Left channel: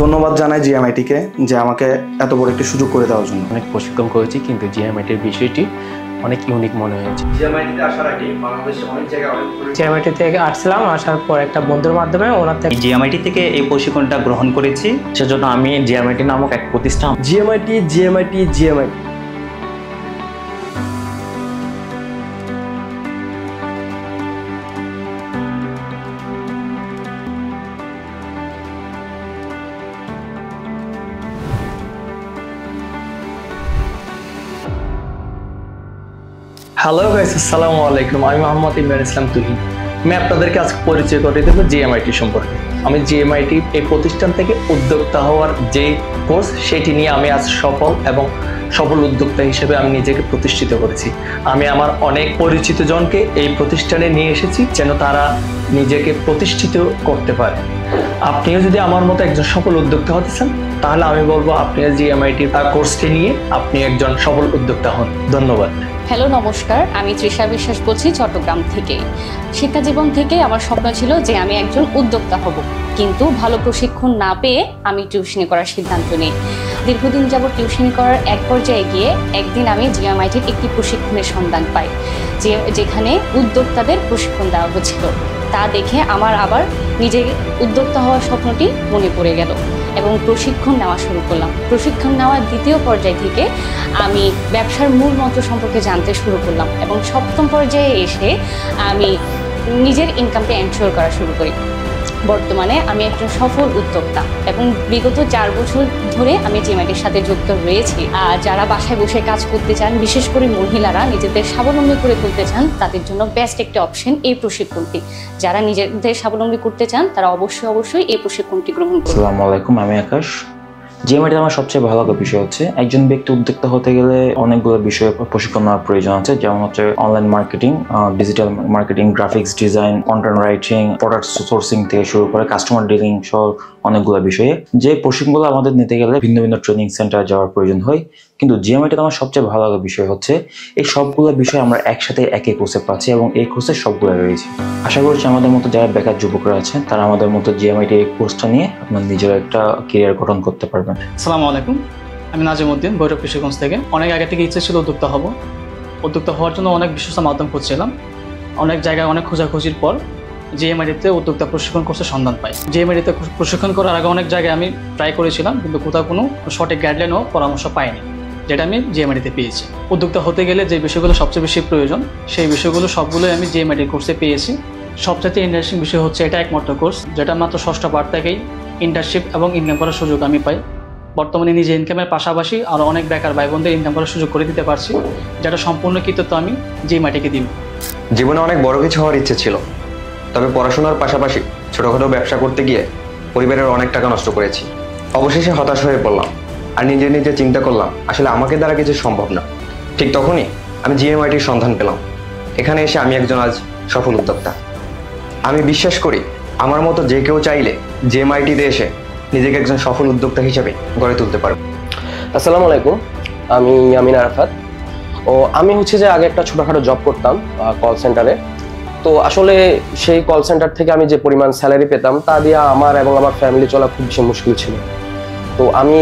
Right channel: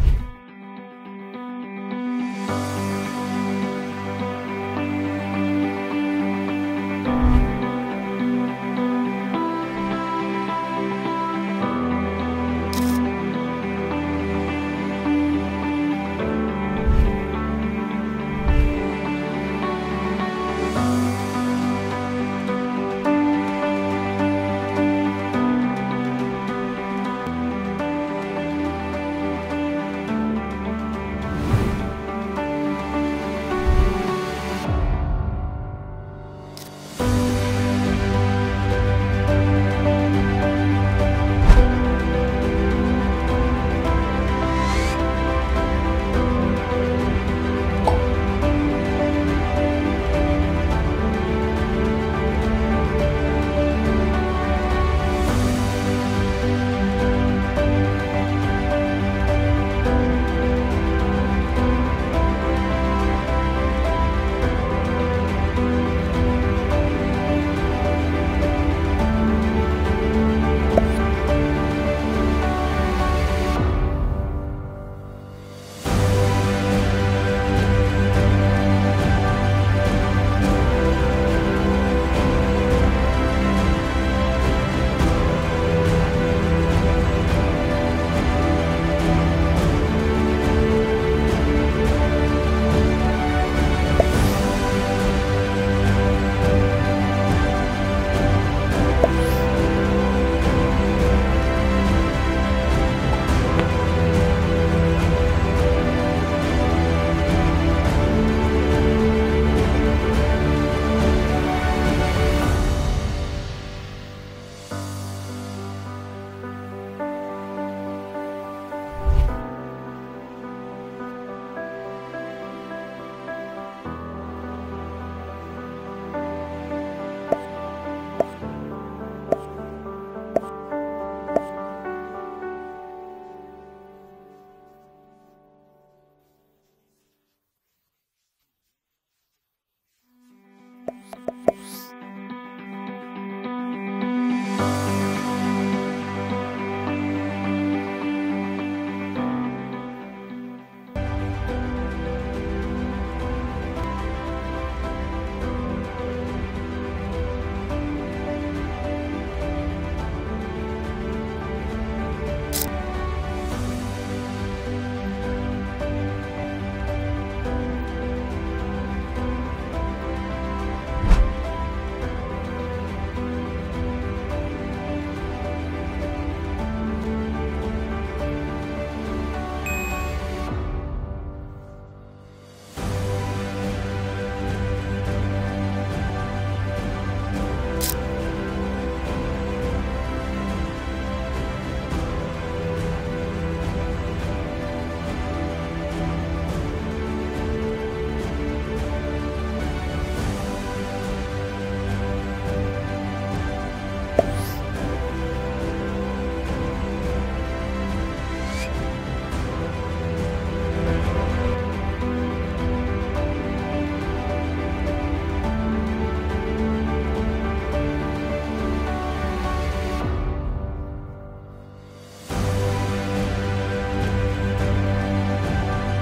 ধন্যবাদ জানাই জিএমআইটিকে যে আমাকে এত বড় একটি সুযোগ করে দেওয়ার জন্য। অনেক প্রশিক্ষণ করেছি, কিন্তু জিএমআইটির বিষয়টি অনেক ইউনিক মনে হয়েছে। জিএমআইটিতে আসার আগে বাংলাদেশে অনেক জায়গায় জিএমআইটি থেকে আসলাম, আসার পর একটা বন্ধুর মাধ্যমে ওনার থেকে জিএমআইটি থেকে এই প্রশিক্ষণটা গ্রহণ করেছি। সেজন্য আমি জিএমআইটি নামক এক প্রতিষ্ঠান জিএমআইটি হ্যালো গাইস, আসসালামু আলাইকুম। আমি মোহাম্মদ ইমরান ইসলাম তুহিন। আমি আপনাদেরকে আজকে পরিচয় করে দেব জিএমআইটি সম্পর্কে। আমি জিএমআইটি এই প্রতিষ্ঠান থেকে উদ্যোক্তা হওয়ার যে কোর্স, সেটি নিয়ে আমি আজ সফল উদ্যোক্তা হিসেবে আমি নিজেকে প্রতিষ্ঠিত করেছি। আমি আমার অনেক পরিচিত জনকে এই প্রতিষ্ঠানে নিয়ে এসেছি যেন তারা নিজেকে প্রতিষ্ঠিত করতে পারে। আপনিও যদি আমার মতো একজন সফল উদ্যোক্তা হতে চান, তাহলে আমি বলবো আপনি জিএমআইটির কোর্সটি নিয়ে আপনি একজন সফল উদ্যোক্তা হন। ধন্যবাদ। হ্যালো, নমস্কার। আমি তৃষা বিশ্বাস বলছি চট্টগ্রাম থেকে। শিক্ষা জীবন থেকে আমার স্বপ্ন ছিল যে আমি একজন উদ্যোক্তা হব, কিন্তু ভালো প্রশিক্ষণ না পেয়ে আমি টিউশনি করার সিদ্ধান্ত নিই। দীর্ঘদিন যাবত টিউশনি করার এক পর্যায়ে গিয়ে একদিন আমি জিএমআইটির একটি প্রশিক্ষণের সন্ধান পাই, যেখানে উদ্যোক্তাদের প্রশিক্ষণ দেওয়া হচ্ছিল। তা দেখে আমার আবার নিজের উদ্যোক্তা হওয়ার স্বপ্নটি মনে পড়ে গেল এবং প্রশিক্ষণ নেওয়া শুরু করলাম। প্রশিক্ষণ নেওয়ার দ্বিতীয় পর্যায় থেকে আমি ব্যবসার মূল মন্ত্র সম্পর্কে জানতে শুরু করলাম এবং সপ্তম পর্যায়ে এসে আমি নিজের ইনকামটা এনশিওর করা শুরু করি। বর্তমানে আমি একজন সফল উদ্যোক্তা এবং বিগত 4 বছর ধরে আমি জিএমআইটির সাথে যুক্ত রয়েছি। আর যারা বাসায় বসে কাজ করতে চান, বিশেষ করে মহিলারা নিজেদের স্বাবলম্বী করে তুলতে চান, তাদের জন্য বেস্ট একটি অপশন এই প্রশিক্ষণটি। যারা নিজেদের স্বাবলম্বী করতে চান তারা অবশ্যই এই প্রশিক্ষণটি গ্রহণ করুন। আসসালামু আলাইকুম, আমি আকাশ। জিএমআইটি আমার সবচেয়ে ভালো লাগা বিষয় হচ্ছে একজন ব্যক্তি উদ্যোক্তা হতে গেলে অনেকগুলো বিষয়ে প্রশিক্ষণ নেওয়ার প্রয়োজন আছে, যেমন হচ্ছে online marketing, digital marketing, graphics design, content writing, product sourcing থেকে শুরু করে কাস্টমার ডিলিং সহ অনেকগুলো বিষয়ে। যে প্রশিক্ষণগুলো আমাদের নিতে গেলে ভিন্ন ভিন্ন ট্রেনিং সেন্টার যাওয়ার প্রয়োজন হয়, কিন্তু জিএমআইটিতে আমার সবচেয়ে ভালো লাগা বিষয় হচ্ছে এই সবগুলো বিষয় আমরা একসাথে একই কোর্সে পাচ্ছি এবং এই কোর্সে সবগুলো রয়েছে। আশা করছি আমাদের মতো যারা বেকার যুবকরা আছেন তারা আমাদের মতো জিএমআইটি এই কোর্সটা নিয়ে আপনার নিজের একটা কেরিয়ার গঠন করতে পারবেন। আসসালামু আলাইকুম, আমি নাজিমউদ্দিন, ভৈরব কৃষিগঞ্জ থেকে। অনেক আগে থেকে ইচ্ছে ছিল উদ্যোক্তা হব। উদ্যোক্তা হওয়ার জন্য অনেক বিশ্বস্ত মাধ্যম খুঁজছিলাম। অনেক জায়গায় অনেক খোঁজাখুঁজির পর জিএমআইটিতে উদ্যোক্তা প্রশিক্ষণ কোর্সের সন্ধান পাই। জিএমআইটিতে প্রশিক্ষণ করার আগে অনেক জায়গায় আমি ট্রাই করেছিলাম, কিন্তু কোথাও কোনো সঠিক গাইডলাইন ও পরামর্শ পাইনি, যেটা আমি জিএমআইটিতে পেয়েছি। উদ্যোক্তা হতে গেলে যে বিষয়গুলো সবচেয়ে বেশি প্রয়োজন, সেই বিষয়গুলো সবগুলোই আমি জিএমআইটির কোর্সে পেয়েছি। সবচেয়ে ইন্টারেস্টিং বিষয় হচ্ছে এটা একমাত্র কোর্স যেটা মাত্র ষষ্ঠ পার্ট থেকেই ইন্টার্নশিপ এবং ইনকাম করার সুযোগ আমি পাই। বর্তমানে নিজে ইনকামের পাশাপাশি আরও অনেক বেকার ভাই বোনদের ইনকাম করার সুযোগ করে দিতে পারছি, যেটা সম্পূর্ণ কৃতিত্ব আমি জিএমআইটিকে দিব। জীবনে অনেক বড় কিছু হওয়ার ইচ্ছে ছিল, তবে পড়াশোনার পাশাপাশি ছোটখাটো ব্যবসা করতে গিয়ে পরিবারের অনেক টাকা নষ্ট করেছি। অবশেষে হতাশ হয়ে পড়লাম আর নিজে চিন্তা করলাম আসলে আমাকে দ্বারা কিছু সম্ভব না। ঠিক তখনই আমি জিএমআইটির সন্ধান পেলাম। এখানে এসে আমি একজন আজ সফল উদ্যোক্তা। আমি বিশ্বাস করি আমার মতো যে কেউ চাইলে জিএমআইটিতে এসে নিজেকে একজন সফল উদ্যোক্তা হিসেবে গড়ে তুলতে পারবে। আসসালামু আলাইকুম, আমি আমিন আরাফাত। আমি হচ্ছে যে আগে একটা ছোটোখাটো জব করতাম কল সেন্টারে। তো আসলে সেই কল সেন্টার থেকে আমি যে পরিমাণ স্যালারি পেতাম তা দিয়ে আমার এবং আমার ফ্যামিলি চলা খুব বেশি মুশকিল ছিল। তো আমি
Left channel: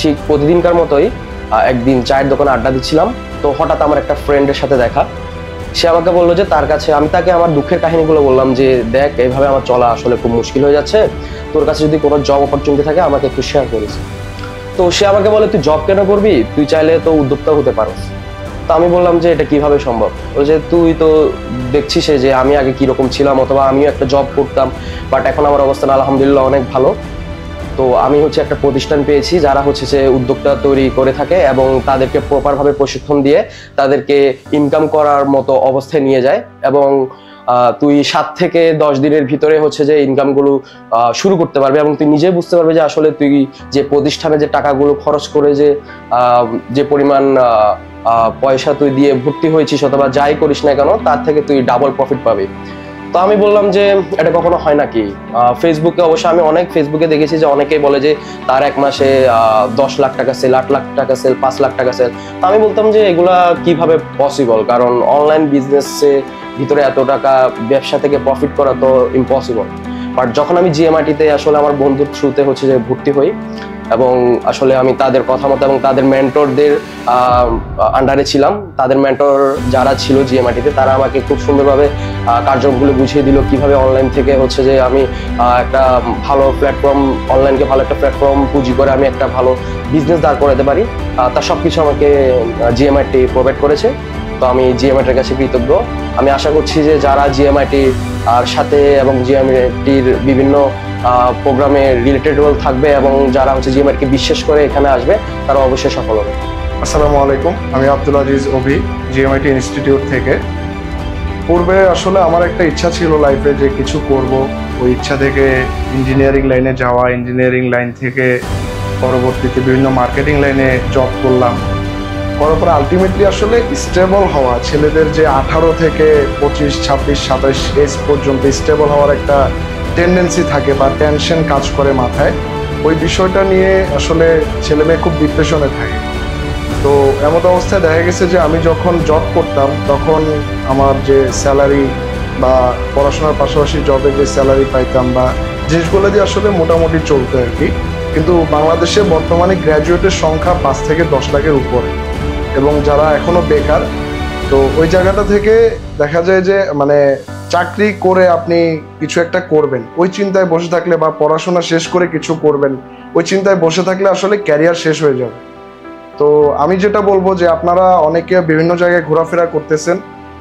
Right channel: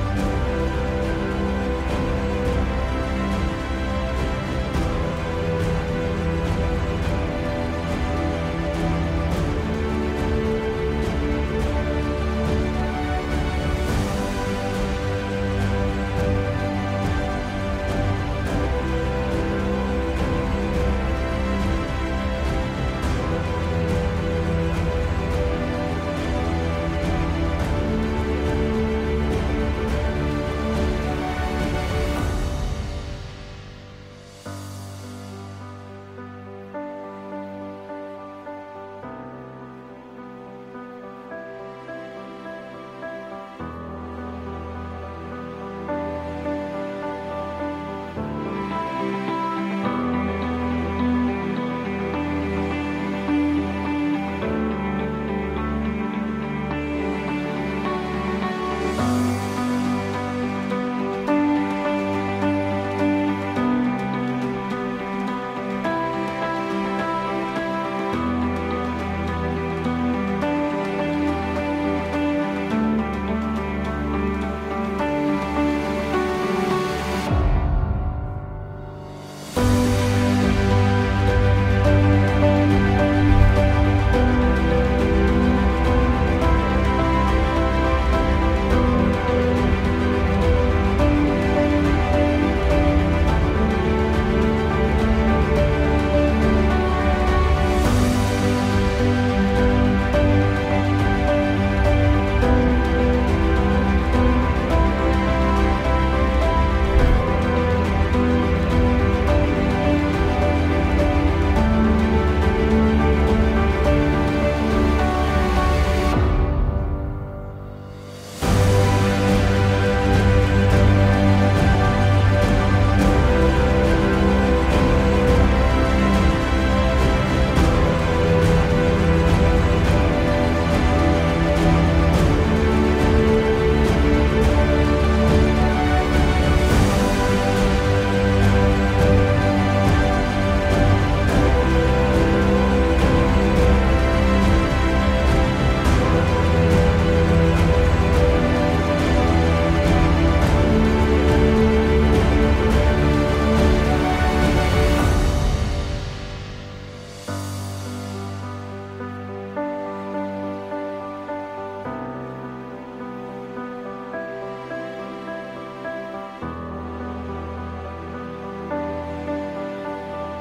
ঠিক প্রতিদিনকার মতোই একদিন চায়ের দোকানে আড্ডা দিচ্ছিলাম। তো হঠাৎ আমার একটা ফ্রেন্ডের সাথে দেখা। সে আমাকে বললো যে তার কাছে, আমি তাকে আমার দুঃখের কাহিনীগুলো বললাম যে দেখ, এইভাবে আমার চলা আসলে খুব মুশকিল হয়ে যাচ্ছে, তোর কাছে যদি কোনো জব অপরচুনিটি থাকে আমাকে একটু শেয়ার করিস। তো সে আমাকে বলে, তুই জব কেন করবি, তুই চাইলে তো উদ্যোক্তা হতে পারিস। তো আমি বললাম যে এটা কিভাবে সম্ভব। ও যে তুই তো দেখছিস যে আমি আগে কিরকম ছিলাম, অথবা আমিও একটা জব করতাম, বাট এখন আমার অবস্থান আলহামদুলিল্লাহ অনেক ভালো। তো আমি হচ্ছে একটা প্রতিষ্ঠান পেয়েছি যারা হচ্ছে যে উদ্যোক্তা তৈরি করে থাকে এবং তাদেরকে প্রপারভাবে প্রশিক্ষণ দিয়ে তাদেরকে ইনকাম করার মতো অবস্থায় নিয়ে যায়। এবং তুই 7 থেকে 10 দিনের ভিতরে হচ্ছে যে ইনকামগুলো শুরু করতে পারবে এবং তুই নিজে বুঝতে পারবে যে আসলে তুই যে প্রতিষ্ঠানে যে টাকাগুলো খরচ করে যে পরিমাণ পয়সা তুই দিয়ে ভর্তি হয়েছিস অথবা যাই করিস না কেন, তার থেকে তুই ডাবল প্রফিট পাবি। তো আমি বললাম যে এটা কখনো হয় নাকি। ফেসবুকে অবশ্য আমি অনেক ফেসবুকে দেখেছি যে অনেকেই বলে যে তার এক মাসে 10 লাখ টাকা সেল, 8 লাখ টাকা সেল, 5 লাখ টাকা সেল। তো আমি বলতাম যে এগুলা কিভাবে পসিবল, কারণ অনলাইন বিজনেসে ভিতরে এত টাকা ব্যবসা থেকে প্রফিট করা তো ইম্পসিবল। বাট যখন আমি জিএমআইটিতে আসলে আমার বন্ধুর থ্রুতে হচ্ছে যে ভর্তি হই এবং আসলে আমি তাদের কথা মতো এবং তাদের মেন্টরদের আন্ডারে ছিলাম, তাদের মেন্টর যারা ছিল জিএমআইটিতে তারা আমাকে খুব সুন্দরভাবে কার্যক্রমগুলো বুঝিয়ে দিল কিভাবে অনলাইন থেকে হচ্ছে যে আমি একটা ভালো প্ল্যাটফর্ম, অনলাইনকে ভালো একটা প্ল্যাটফর্ম পুঁজি করে আমি একটা ভালো বিজনেস দাঁড় করাতে পারি। তার সব কিছু আমাকে জিএমআইটি প্রোভাইড করেছে। তো আমি জিএমআইটির কাছে কৃতজ্ঞ। আমি আশা করছি যে যারা জিএমআইটির আর সাথে এবং জিএমআইটির বিভিন্ন প্রোগ্রামে রিলেটেড থাকবে এবং যারা হচ্ছে জিএমআইটিকে বিশ্বাস করে এখানে আসবে তারা অবশ্যই সফল হবে। আসসালামু আলাইকুম, আমি আব্দুল আজিজ অভি, জিএমআইটি ইনস্টিটিউট থেকে। পূর্বে আসলে আমার একটা ইচ্ছা ছিল লাইফে যে কিছু করব, ওই ইচ্ছা থেকে ইঞ্জিনিয়ারিং লাইনে যাওয়া, ইঞ্জিনিয়ারিং লাইন থেকে পরবর্তীতে বিভিন্ন মার্কেটিং লাইনে জব করলাম। করার পরে আলটিমেটলি আসলে স্টেবল হওয়া, ছেলেদের যে 18 থেকে 25, 26, 27 এজ পর্যন্ত স্টেবল হওয়ার একটা টেন্ডেন্সি থাকে বা টেনশন কাজ করে মাথায়, ওই বিষয়টা নিয়ে আসলে ছেলে মেয়ে খুব ডিপ্রেশনে থাকে। তো এমন অবস্থায় দেখা গেছে যে আমি যখন জব করতাম তখন আমার যে স্যালারি বা পড়াশোনার পাশাপাশি জবে যে স্যালারি পাইতাম বা জিনিসগুলো দিয়ে আসলে মোটামুটি চলতো আর কি। কিন্তু বাংলাদেশে বর্তমানে গ্র্যাজুয়েটের সংখ্যা 5 থেকে 10 লাখের উপর, এবং যারা এখনো বেকার। তো ওই জায়গাটা থেকে দেখা যায় যে মানে চাকরি করে আপনি কিছু একটা করবেন ওই চিন্তায় বসে থাকলে বা পড়াশোনা শেষ করে কিছু করবেন ওই চিন্তায় বসে থাকলে আসলে ক্যারিয়ার শেষ হয়ে যাবে। তো আমি যেটা বলবো যে আপনারা অনেকে বিভিন্ন জায়গায় ঘোরাফেরা করতেছেন,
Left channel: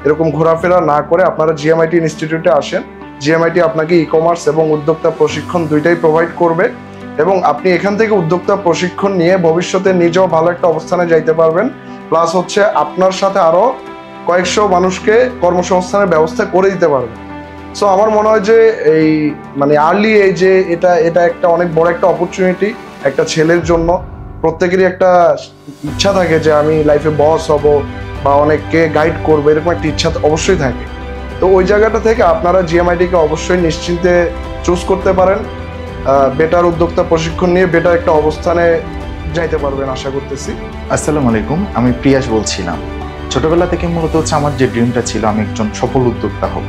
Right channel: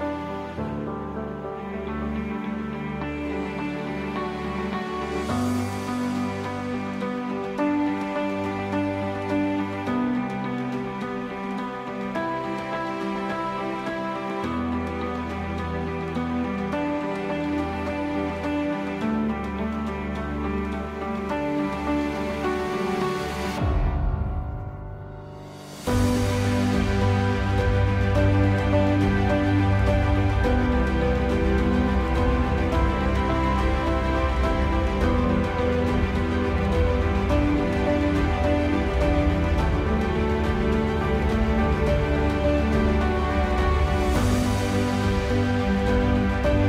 এরকম ঘোরাফেরা না করে আপনারা জিএমআইটি ইনস্টিটিউটে আসেন। জিএমআইটি আপনাকে ই কমার্স এবং উদ্যোক্তা প্রশিক্ষণ দুইটাই প্রোভাইড করবে, এবং আপনি এখান থেকে উদ্যোক্তা প্রশিক্ষণ নিয়ে ভবিষ্যতে নিজেও ভালো একটা অবস্থানে যাইতে পারবেন। প্লাস হচ্ছে আপনার সাথে আরো কয়েকশো মানুষকে কর্মসংস্থানের ব্যবস্থা করে দিতে পারবেন। সো আমার মনে হয় যে এই মানে আর্লি এজে এটা একটা অনেক বড় একটা অপরচুনিটি একটা ছেলের জন্য। প্রত্যেকেরই একটা ইচ্ছা থাকে যে আমি লাইফে বস হব বা অনেককে গাইড করবো, এরকম একটা ইচ্ছা অবশ্যই থাকে। তো ওই জায়গাটা থেকে আপনারা জিএমআইটিকে অবশ্যই নিশ্চিন্তে চুজ করতে পারেন। বেটার উদ্যোক্তা প্রশিক্ষণ নিয়ে বেটার একটা অবস্থানে যাইতে পারবেন আশা করতেছি। আসসালামু আলাইকুম, আমি প্রিয়াস বলছিলাম। ছোটবেলা থেকে মূলত হচ্ছে আমার যে ড্রিমটা ছিল আমি একজন সফল উদ্যোক্তা হব।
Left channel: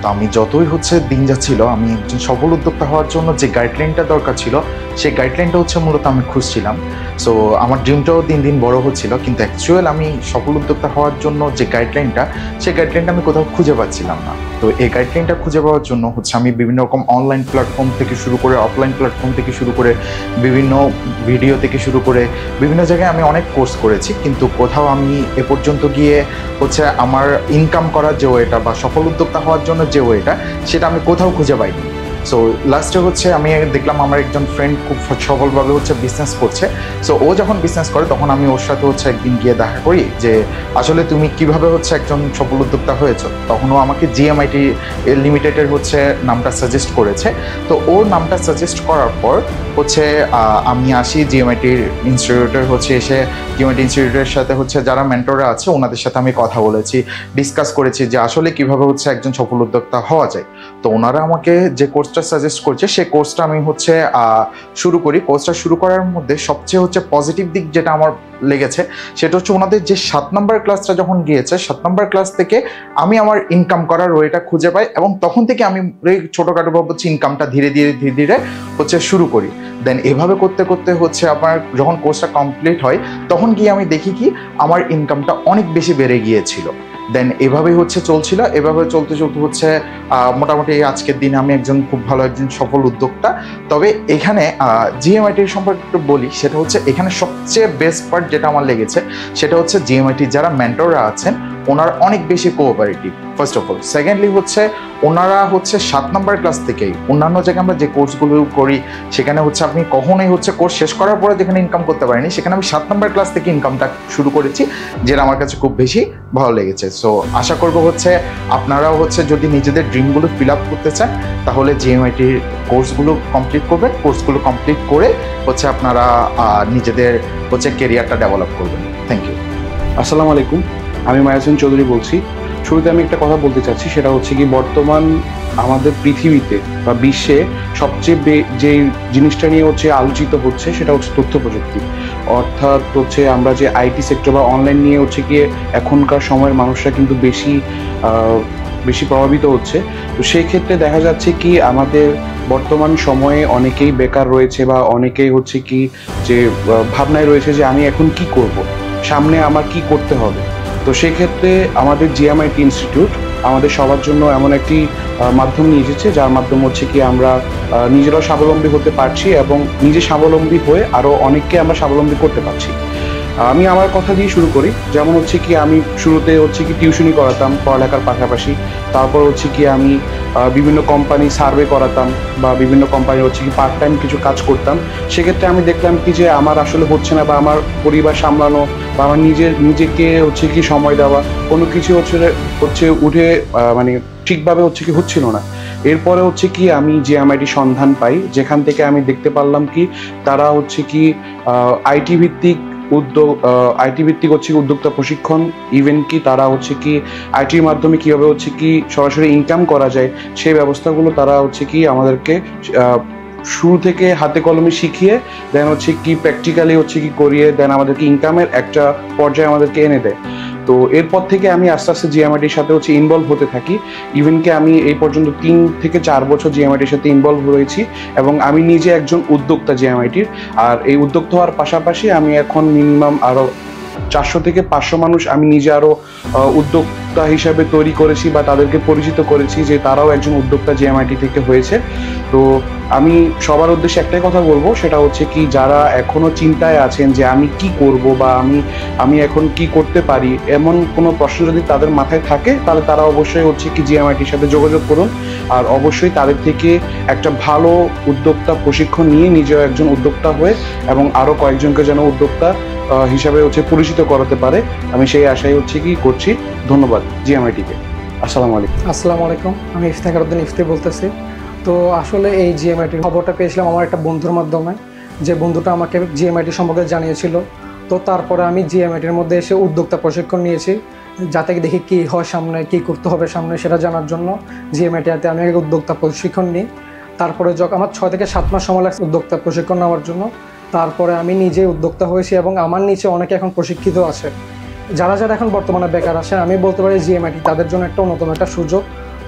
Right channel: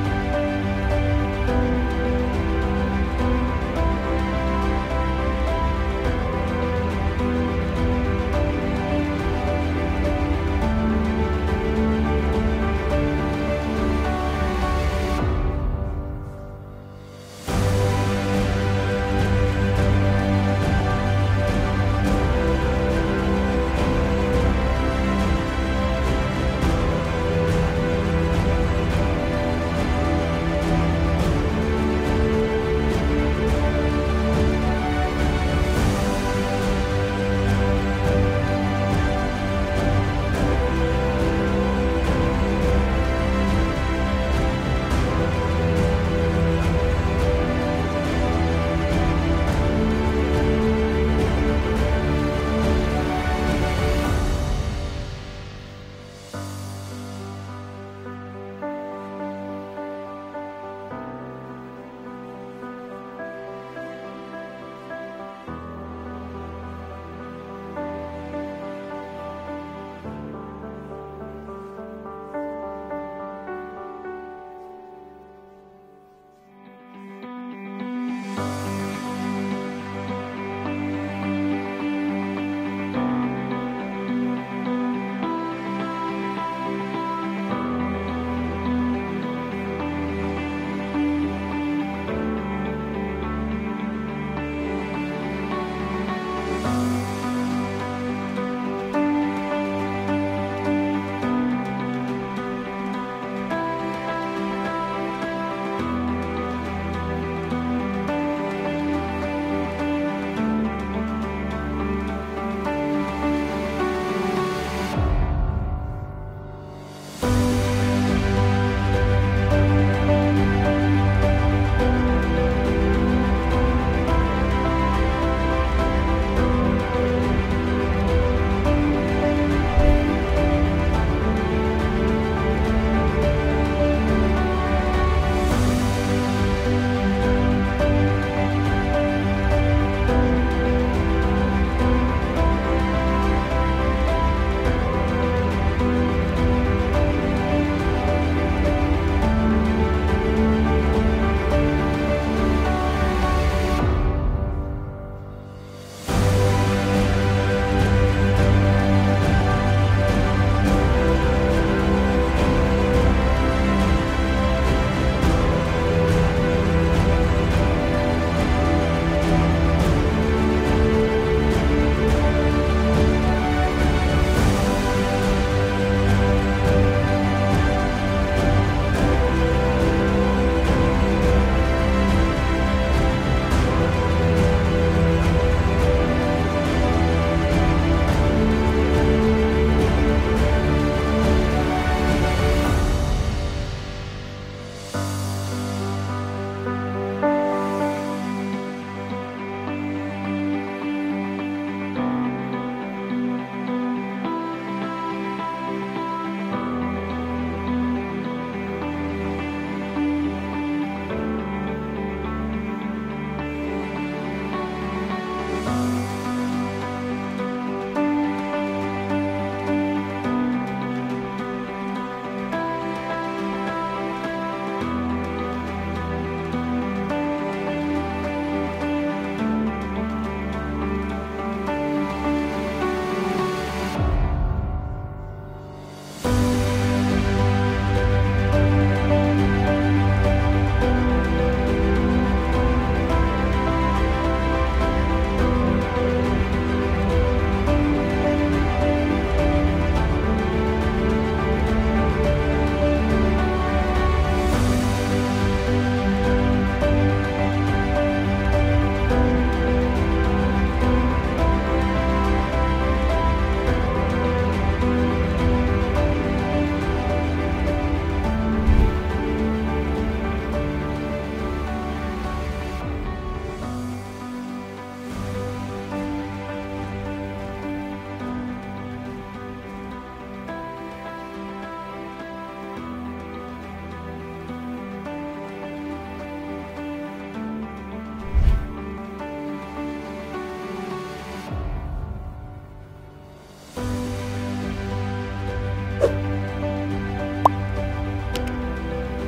তো আমি যতই দিন যাচ্ছিল আমি একজন সফল উদ্যোক্তা হওয়ার জন্য যে গাইডলাইনটা দরকার ছিল সেই গাইডলাইনটা মূলত আমি খুঁজছিলাম। সো আমার ড্রিমটাও দিন দিন বড় হচ্ছিল, কিন্তু অ্যাকচুয়াল আমি সফল উদ্যোক্তা হওয়ার জন্য যে গাইডলাইনটা সেই গাইডলাইনটা আমি কোথাও খুঁজে পাচ্ছিলাম না। তো এই গাইডলাইনটা খুঁজে পাওয়ার জন্য আমি বিভিন্ন রকম অনলাইন প্ল্যাটফর্ম থেকে শুরু করে অফলাইন প্ল্যাটফর্ম থেকে শুরু করে বিভিন্ন ভিডিও থেকে শুরু করে বিভিন্ন জায়গায় আমি অনেক কোর্স করেছি, কিন্তু কোথাও আমি এ পর্যন্ত গিয়ে আমার ইনকাম করার যে ওয়েটা বা সফল উদ্যোক্তা হওয়ার জন্য যে ওয়েটা সেটা আমি কোথাও খুঁজে পাইনি। সো লাস্টে আমি দেখলাম আমার একজন ফ্রেন্ড খুব সফলভাবে বিজনেস করছে। সো ও যখন বিজনেস করে তখন আমি ওর সাথে একদিন গিয়ে দেখা করি যে আসলে তুমি কিভাবে একজন সফল উদ্যোক্তা হয়েছো। তখন ও আমাকে জিএমআইটি লিমিটেডের নামটা সাজেস্ট করেছে। তো ওর নামটা সাজেস্ট করার পর আমি আসি জিএমআইটির ইনস্টিটিউটের এসে জিএমআইটি ইনস্টিটিউটের সাথে যারা মেন্টররা আছে ওনাদের সাথে আমি কথা বলেছি, ডিসকাস করেছি যে আসলে কিভাবে একজন সফল উদ্যোক্তা হওয়া যায়। তো ওনারা আমাকে যে কোর্সটা সাজেস্ট করছে সেই কোর্সটা আমি শুরু করি। কোর্সটা শুরু করার মধ্যে সবচেয়ে পজিটিভ দিক যেটা আমার লেগেছে সেটা ওনাদের যে 7 নম্বর ক্লাসটা যখন গিয়েছে 7 নম্বর ক্লাস থেকে আমি আমার ইনকাম করার ওয়েটা খুঁজে পাই, এবং তখন থেকে আমি ছোটোখাটো ভাবে ইনকামটা ধীরে ধীরে শুরু করি। দেন এভাবে করতে করতে আমার যখন কোর্সটা কমপ্লিট হয় তখন গিয়ে আমি দেখি কি আমার ইনকামটা অনেক বেশি বেড়ে গিয়েছিল। দেন এভাবেই চলছিল। এভাবে চলতে মোটামুটি আজকের দিনে আমি খুব ভালো একজন সফল উদ্যোক্তা। তবে এখানে জিএমআইটির সম্পর্কে একটু বলি, সেটা এখানে সবচেয়ে বেস্ট পার্ট যেটা আমার লেগেছে সেটা জিএমআইটির যারা মেন্টররা আছেন ওনারা অনেক বেশি cooperative first of all. Secondly ওনারা 7 নম্বর ক্লাস থেকেই অন্যান্য জায়গায় আমরা যে কোর্সগুলো করি সেখানে আপনি কখনোই কোর্স শেষ করার পরে যেখানে ইনকাম করতে পারিনি সেখানে আমি 7 নম্বর ক্লাস থেকে ইনকামটা শুরু করেছি, যেটা আমার কাছে খুব বেশি ভালো লেগেছে। সো আশা করবো আপনারাও যদি নিজেদের ড্রিমগুলো ফিল আপ করতে চান তাহলে জিএমআইটির কোর্সগুলো কমপ্লিট করবেন। কোর্সগুলো কমপ্লিট করে আপনারা নিজেদের ক্যারিয়ারটা ডেভেলপ করবেন। Thank you. আসসালামু আলাইকুম, আমি মায়াসুন চৌধুরী বলছি। শুরুতে আমি একটা কথা বলতে চাচ্ছি, সেটা কি বর্তমান আমাদের পৃথিবীতে বা বিশ্বে সবচেয়ে যে জিনিসটা নিয়ে আলোচিত হচ্ছে সেটা তথ্য প্রযুক্তি। অর্থাৎ আমরা যে আইটি সেক্টর বা অনলাইন নিয়ে গিয়ে এখনকার সময়ের মানুষরা কিন্তু বেশি বেশি প্রভাবিত হচ্ছে। তো সেই ক্ষেত্রে দেখা যাচ্ছে কি আমাদের বর্তমান সময়ে অনেকেই বেকার রয়েছে বা অনেকেই হচ্ছে কি যে ভাবনায় রয়েছে যে আমি এখন কি করব, সামনে আমার কি করতে হবে। তো সেক্ষেত্রে আমাদের জিএমআইটি ইনস্টিটিউট আমাদের সবার জন্য এমন একটি মাধ্যম নিয়ে এসেছে, যার মাধ্যমে হচ্ছে কি আমরা নিজেরাও স্বাবলম্বী হতে পারছি এবং নিজে স্বাবলম্বী হয়ে আরও অনেককে আমরা স্বাবলম্বী করতে পারছি। আমি আমার কথা দিয়ে শুরু করি। যেমন হচ্ছে কি আমি শুরুতে হচ্ছে কি টিউশনি করাতাম পড়ালেখার পাশাপাশি। তারপর হচ্ছে কি আমি বিভিন্ন কোম্পানি সার্ভে করাতাম বা বিভিন্ন কোম্পানি হচ্ছে কি পার্ট টাইম কিছু কাজ করতাম। সেক্ষেত্রে আমি দেখলাম কি যে আমার আসলে হচ্ছে না, বা আমার পরিবার সামলানো বা আমার নিজেকে হচ্ছে কি সময় দেওয়া কোনো কিছু হচ্ছে উঠে মানে ঠিকভাবে হচ্ছে কি হচ্ছিল না। এরপরে হচ্ছে কি আমি জিএমআইটি সন্ধান পাই, যেখান থেকে আমি দেখতে পারলাম কি তারা হচ্ছে কি আইটি ভিত্তিক হচ্ছে উদ্যোক্তা প্রশিক্ষণ, ইভেন কি তারা হচ্ছে কি আইটির মাধ্যমে কিভাবে হচ্ছে কি সরাসরি ইনকাম করা যায় সেই ব্যবস্থাগুলো তারা হচ্ছে কি আমাদেরকে শুরু থেকে হাতে কলমে শিখিয়ে দেন হচ্ছে কি প্র্যাকটিক্যালি হচ্ছে কি করিয়ে দেন আমাদেরকে ইনকামের একটা পর্যায়ে আমাদেরকে এনে দেয়। তো এরপর থেকে আমি আস্তে আস্তে জিএমআইটির সাথে হচ্ছে ইনভলভ হতে থাকি। ইভেন কি আমি এই পর্যন্ত 3 থেকে 4 বছর জিএমআইটির সাথে ইনভলভ রয়েছি এবং আমি নিজে একজন উদ্যোক্তা জিএমআইটির। আর এই উদ্যোক্তা হওয়ার পাশাপাশি আমি এখন মিনিমাম আরও 400 থেকে 500 মানুষ আমি নিজে আরও উদ্যোক্তা হিসাবে তৈরি করেছি বা তাদেরকে পরিচিত করেছি যে তারাও একজন উদ্যোক্তা জিএমআইটি থেকে হয়েছে। তো আমি সবার উদ্দেশ্যে একটাই কথা বলবো, সেটা হচ্ছে কি যারা এখনো চিন্তায় আছেন যে আমি কি করব বা আমি এখন কি করতে পারি, এমন কোনো প্রশ্ন যদি তাদের মাথায় থাকে তাহলে তারা অবশ্যই হচ্ছে কি জিএমআইটির সাথে যোগাযোগ করুন। আর অবশ্যই তাদের থেকে একটা ভালো উদ্যোক্তা প্রশিক্ষণ নিয়ে নিজেও একজন উদ্যোক্তা হয়ে এবং আরও কয়েকজনকে যেন উদ্যোক্তা হিসাবে হচ্ছে পরিচিত করাতে পারে, আমি সেই আশাই হচ্ছে কি করছি। ধন্যবাদ জিএমআইটিকে। আসসালামু আলাইকুম। আসসালামু আলাইকুম, আমি ইফতেখারউদ্দিন ইফতি বলতেছি। তো আসলে এই জিএমআইটির খবরটা পেয়েছিলাম আমার একটা বন্ধুর মাধ্যমে, যে বন্ধুটা আমাকে জিএমআইটি সম্পর্কে জানিয়েছিল। তো তারপরে আমি জিএমআইটির মধ্যে এসে উদ্যোক্তা প্রশিক্ষণ নিয়েছি, যাতে দেখি কী হয় সামনে, কী করতে হবে সামনে সেটা জানার জন্য জিএমআইটিতে আমি আগে উদ্যোক্তা প্রশিক্ষণ নিই। তারপরে যখন আমার 6 থেকে 7 মাস সময় লাগছে উদ্যোক্তা প্রশিক্ষণ নেওয়ার জন্য, তারপরে আমি নিজে উদ্যোক্তা হয়েছি এবং আমার নিচে অনেকে এখন প্রশিক্ষিত আছে। যারা এখন বর্তমানে বেকার আছে, আমি বলতে পারি জিএমআইটি তাদের জন্য একটা অন্যতম একটা সুযোগ।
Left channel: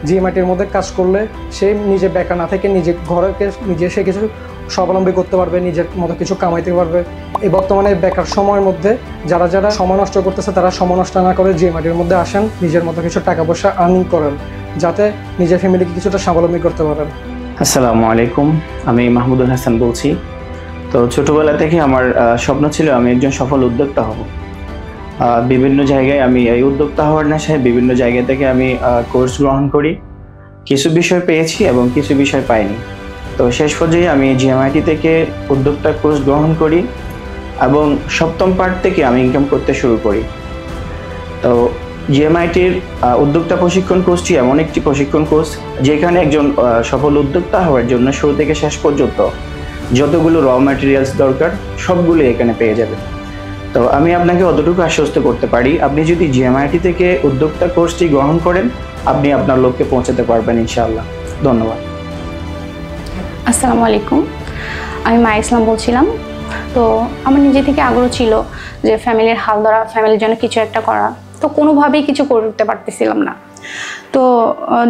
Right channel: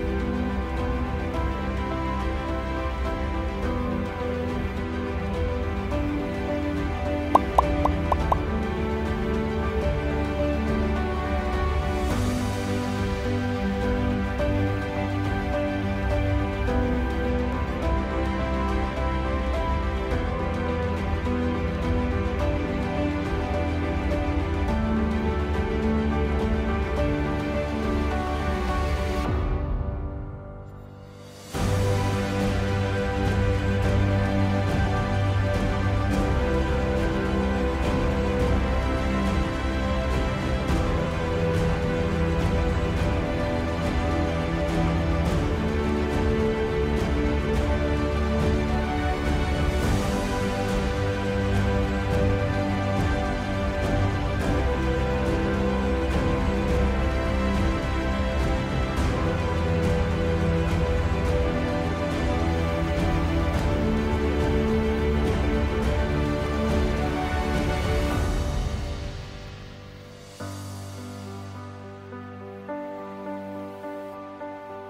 জিএমআইটির মধ্যে কাজ করলে সে নিজে বেকার না থেকে নিজে ঘরকে নিজে সে কিছু স্বাবলম্বী করতে পারবে, নিজের মতো কিছু কামাইতে পারবে। এই বর্তমানে বেকার সময়ের মধ্যে যারা সময় নষ্ট করতেছে তারা সময় নষ্ট না করে জিএমআইটির মধ্যে আসেন, নিজের মতো কিছু টাকা পয়সা আর্নিং করেন, যাতে নিজের ফ্যামিলিকে কিছুটা স্বাবলম্বী করতে পারেন। আসসালামু আলাইকুম, আমি মাহমুদুল হাসান বলছি। তো ছোটবেলা থেকে আমার স্বপ্ন ছিল আমি একজন সফল উদ্যোক্তা হব। বিভিন্ন জায়গায় আমি এই উদ্যোক্তা হওয়ার নেশায় বিভিন্ন জায়গা থেকে আমি কোর্স গ্রহণ করি। কিছু বিষয় পেয়েছি এবং কিছু বিষয় পাইনি। তো শেষ পর্যায়ে আমি জিএমআইটি থেকে উদ্যোক্তা কোর্স গ্রহণ করি এবং 7ম পার্ট থেকে আমি ইনকাম করতে শুরু করি। তো জিএমআইটির উদ্যোক্তা প্রশিক্ষণ কোর্সটি এমন একটি প্রশিক্ষণ কোর্স যেখানে একজন সফল উদ্যোক্তা হওয়ার জন্য শুরু থেকে শেষ পর্যন্ত যতগুলো র ম্যাটেরিয়ালস দরকার সবগুলো এখানে পেয়ে যাবেন। তো আমি আপনাকে অতটুকু আশ্বস্ত করতে পারি, আপনি যদি জিএমআইটি থেকে উদ্যোক্তা কোর্সটি গ্রহণ করেন আপনি আপনার লক্ষ্যে পৌঁছাতে পারবেন ইনশাআল্লাহ। ধন্যবাদ। আসসালামু আলাইকুম, আমি মায়া ইসলাম বলছিলাম। তো আমার নিজে থেকে আগ্রহ ছিল যে ফ্যামিলির হাল ধরা, ফ্যামিলির জন্য কিছু একটা করা, তো কোনোভাবেই কিছু করতে পারতেছিলাম না। তো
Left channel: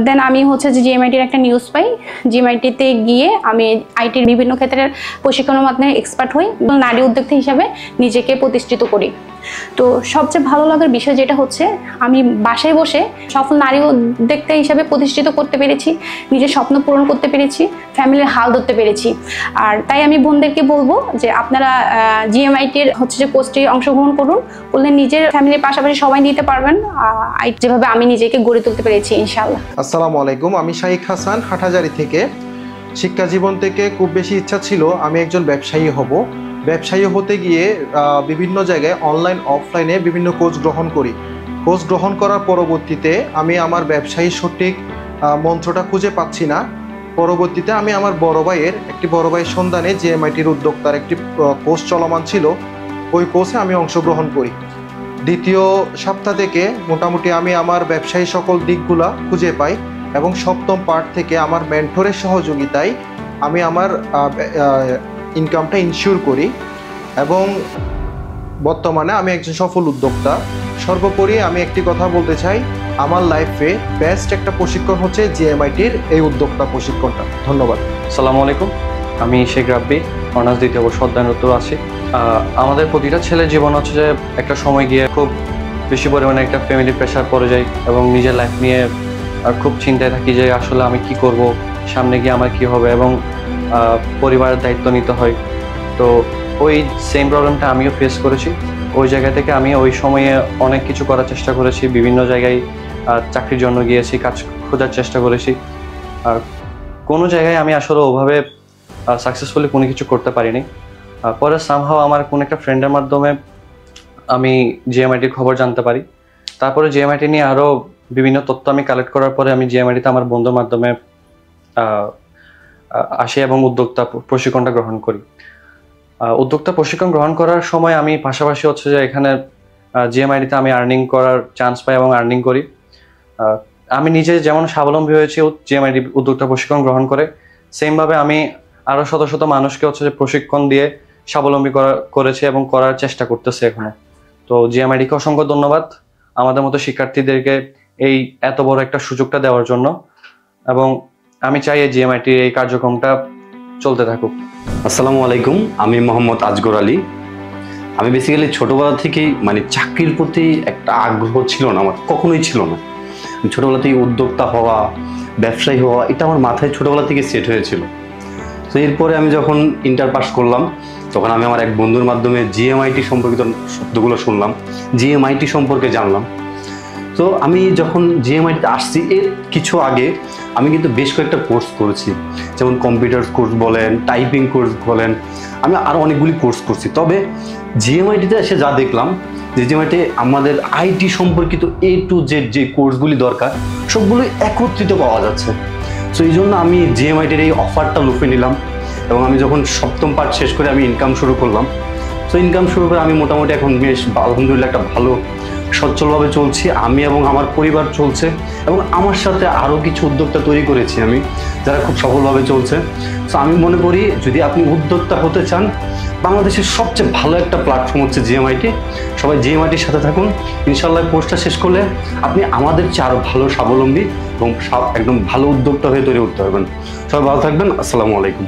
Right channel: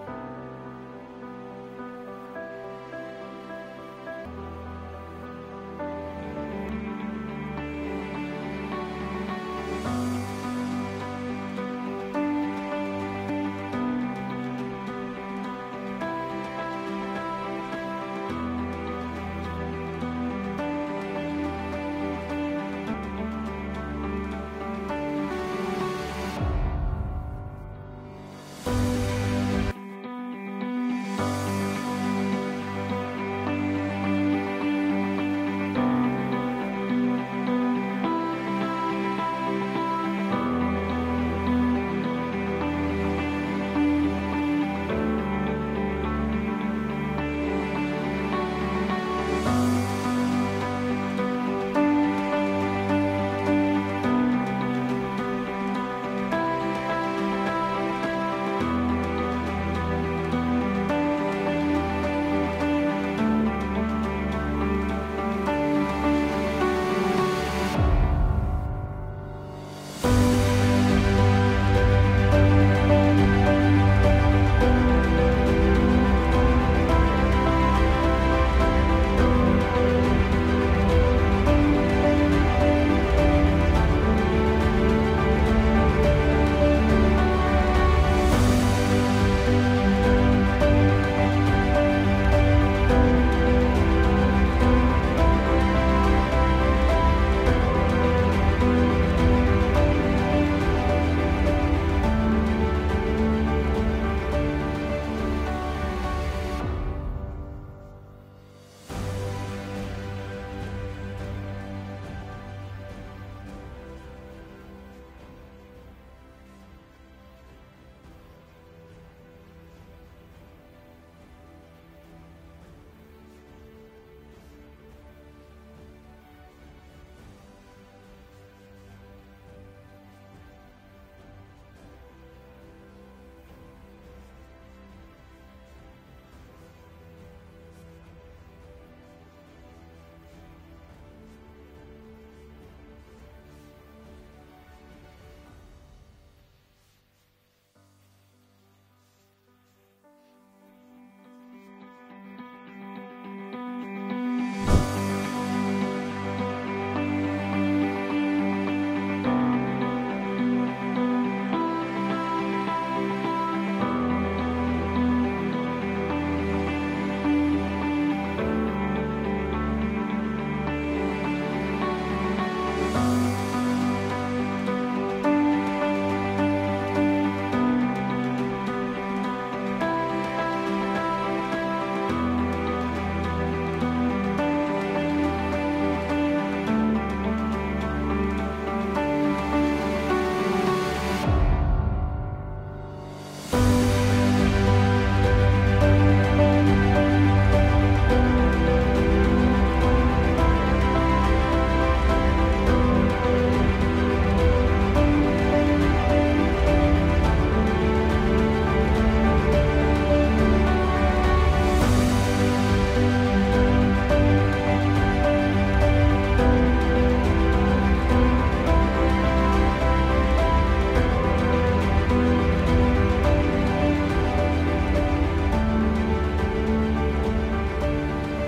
দেন আমি হচ্ছে যে জিএমআইটির একটা নিউজ পাই, জিএমআইটিতে গিয়ে আমি আইটির বিভিন্ন ক্ষেত্রের প্রশিক্ষণের মাধ্যমে এক্সপার্ট হই, নারী উদ্যোক্তা হিসাবে নিজেকে প্রতিষ্ঠিত করি। তো সবচেয়ে ভালো লাগার বিষয় যেটা হচ্ছে আমি বাসায় বসে সফল নারী উদ্যোক্তা হিসাবে প্রতিষ্ঠিত করতে পেরেছি, নিজের স্বপ্ন পূরণ করতে পেরেছি, ফ্যামিলির হাল ধরতে পেরেছি। আর তাই আমি বোনদেরকে বলবো যে আপনারা জিএমআইটির হচ্ছে যে কোর্সটি অংশগ্রহণ করুন, করলে নিজের ফ্যামিলির পাশাপাশি সবাই দিতে পারবেন যেভাবে আমি নিজেকে গড়ে তুলতে পেরেছি ইনশাআল্লাহ। আসসালামু আলাইকুম, আমি শাইখ হাসান হাটহাজারী থেকে। শিক্ষা জীবন থেকে খুব বেশি ইচ্ছা ছিল আমি একজন ব্যবসায়ী হব। ব্যবসায়ী হতে গিয়ে বিভিন্ন জায়গায় অনলাইন অফলাইনে বিভিন্ন কোর্স গ্রহণ করি। কোর্স গ্রহণ করার পরবর্তীতে আমি আমার ব্যবসায়ী সঠিক মন্ত্রটা খুঁজে পাচ্ছি না। পরবর্তীতে আমি আমার বড় ভাইয়ের সন্ধানে জিএমআইটির উদ্যোক্তার একটি কোর্স চলমান ছিল, ওই কোর্সে আমি অংশগ্রহণ করি। দ্বিতীয় সপ্তাহ থেকে মোটামুটি আমি আমার ব্যবসায়ী সকল দিকগুলা খুঁজে পাই এবং 7ম পার্ট থেকে আমার মেন্টরের সহযোগিতায় আমি আমার ইনকামটা ইনশিওর করি এবং বর্তমানে আমি একজন সফল উদ্যোক্তা। সর্বোপরি আমি একটি কথা বলতে চাই, আমার লাইফে বেস্ট একটা প্রশিক্ষণ হচ্ছে জিএমআইটির এই উদ্যোক্তা প্রশিক্ষণটা। ধন্যবাদ। আসসালামু আলাইকুম, আমি শেখ রাব্বি, অনার্স দ্বিতীয় বর্ষ অধ্যয়নরত আছি। আমাদের প্রতিটা ছেলের জীবন হচ্ছে যে একটা সময় গিয়ে খুব বেশি পরিমাণে একটা ফ্যামিলি প্রেশার পড়ে যায় এবং নিজের লাইফ নিয়ে খুব চিন্তায় থাকি যে আসলে আমি কি করব, সামনে গিয়ে আমার কি হবে, এবং পরিবারের দায়িত্ব নিতে হয়। তো ওই সেম প্রবলেমটা আমিও ফেস করেছি। ওই জায়গা থেকে আমি ওই সময়ে অনেক কিছু করার চেষ্টা করেছি, বিভিন্ন জায়গায় চাকরির জন্য গিয়েছি, কাজ খোঁজার চেষ্টা করেছি। আর কোনো জায়গায় আমি আসলে ওভাবে সাকসেসফুলি কোনো কিছু করতে পারিনি। পরে সামহাও আমার কোনো একটা ফ্রেন্ডের মাধ্যমে আমি জিএমআইটির খবর জানতে পারি। তারপরে জিএমআইটি নিয়ে আরও বিভিন্ন তথ্য আমি কালেক্ট করার পরে আমি জিএমআইটিতে আমার বন্ধুর মাধ্যমে আসি এবং উদ্যোক্তা প্রশিক্ষণটা গ্রহণ করি। উদ্যোক্তা প্রশিক্ষণ গ্রহণ করার সময় আমি পাশাপাশি হচ্ছে যে এখানে জিএমআইটিতে আমি আর্নিং করার চান্স পাই এবং আর্নিং করি। আমি নিজে যেমন স্বাবলম্বী হয়েছি জিএমআইটি উদ্যোক্তা প্রশিক্ষণ গ্রহণ করে, সেমভাবে আমি আরও শত শত মানুষকে হচ্ছে যে প্রশিক্ষণ দিয়ে স্বাবলম্বী করেছি এবং করার চেষ্টা করতেছি এখনো। তো জিএমআইটিকে অসংখ্য ধন্যবাদ আমাদের মতো শিক্ষার্থীদেরকে এই এত বড় একটা সুযোগটা দেওয়ার জন্য, এবং আমি চাই এই জিএমআইটির এই কার্যক্রমটা চলতে থাকুক। আসসালামু আলাইকুম, আমি মোহাম্মদ আজগর আলী। আমি বেসিক্যালি ছোটোবেলা থেকেই চাকরির প্রতি একটা আগ্রহ ছিল না, আমার কখনোই ছিল না। ছোটোবেলা থেকে উদ্যোক্তা হওয়া, ব্যবসায়ী হওয়া, এটা আমার মাথায় ছোটোবেলা থেকে সেট হয়েছিল। তো এরপরে আমি যখন ইন্টার পাস করলাম, তখন আমি আমার এক বন্ধুর মাধ্যমে জিএমআইটি সম্পর্কিত শব্দগুলো শুনলাম, জিএমআইটি সম্পর্কে জানলাম। তো আমি যখন জিএমআইটিতে আসছি এর কিছু আগে আমি কিন্তু বেশ কয়েকটা কোর্স করেছি, যেমন কম্পিউটার কোর্স বলেন, টাইপিং কোর্স বলেন, আমি আরও অনেকগুলি কোর্স করছি। তবে জিএমআইটিতে এসে যা দেখলাম যে জিএমআইটি আমাদের আইটি সম্পর্কিত A to Z যে কোর্সগুলি দরকার সবগুলোই একত্রিত পাওয়া যাচ্ছে। তো এই জন্য আমি জিএমআইটির এই অফারটা লুফে নিলাম এবং আমি যখন সপ্তম পাঠ শেষ করে আমি ইনকাম শুরু করলাম। তো ইনকাম শুরু করে আমি মোটামুটি এখন বেশ আলহামদুলিল্লাহ একটা ভালো সচ্ছলভাবে চলছি, আমি এবং আমার পরিবার চলছে, এবং আমার সাথে আরও কিছু উদ্যোক্তা তৈরি করেছি আমি, যারা খুব সফলভাবে চলছে। তো আমি মনে করি যদি আপনি উদ্যোক্তা হতে চান, বাংলাদেশের সবচেয়ে ভালো একটা প্ল্যাটফর্ম হচ্ছে জিএমআইটি। সবাই জিএমআইটির সাথে থাকুন, ইনশাল্লাহ কোর্সটা শেষ করলে আপনি আমাদের চেয়ে আরও ভালো স্বাবলম্বী এবং একদম ভালো উদ্যোক্তা হয়ে তৈরি উঠতে পারবেন। সবাই ভালো থাকবেন, আসসালামু আলাইকুম।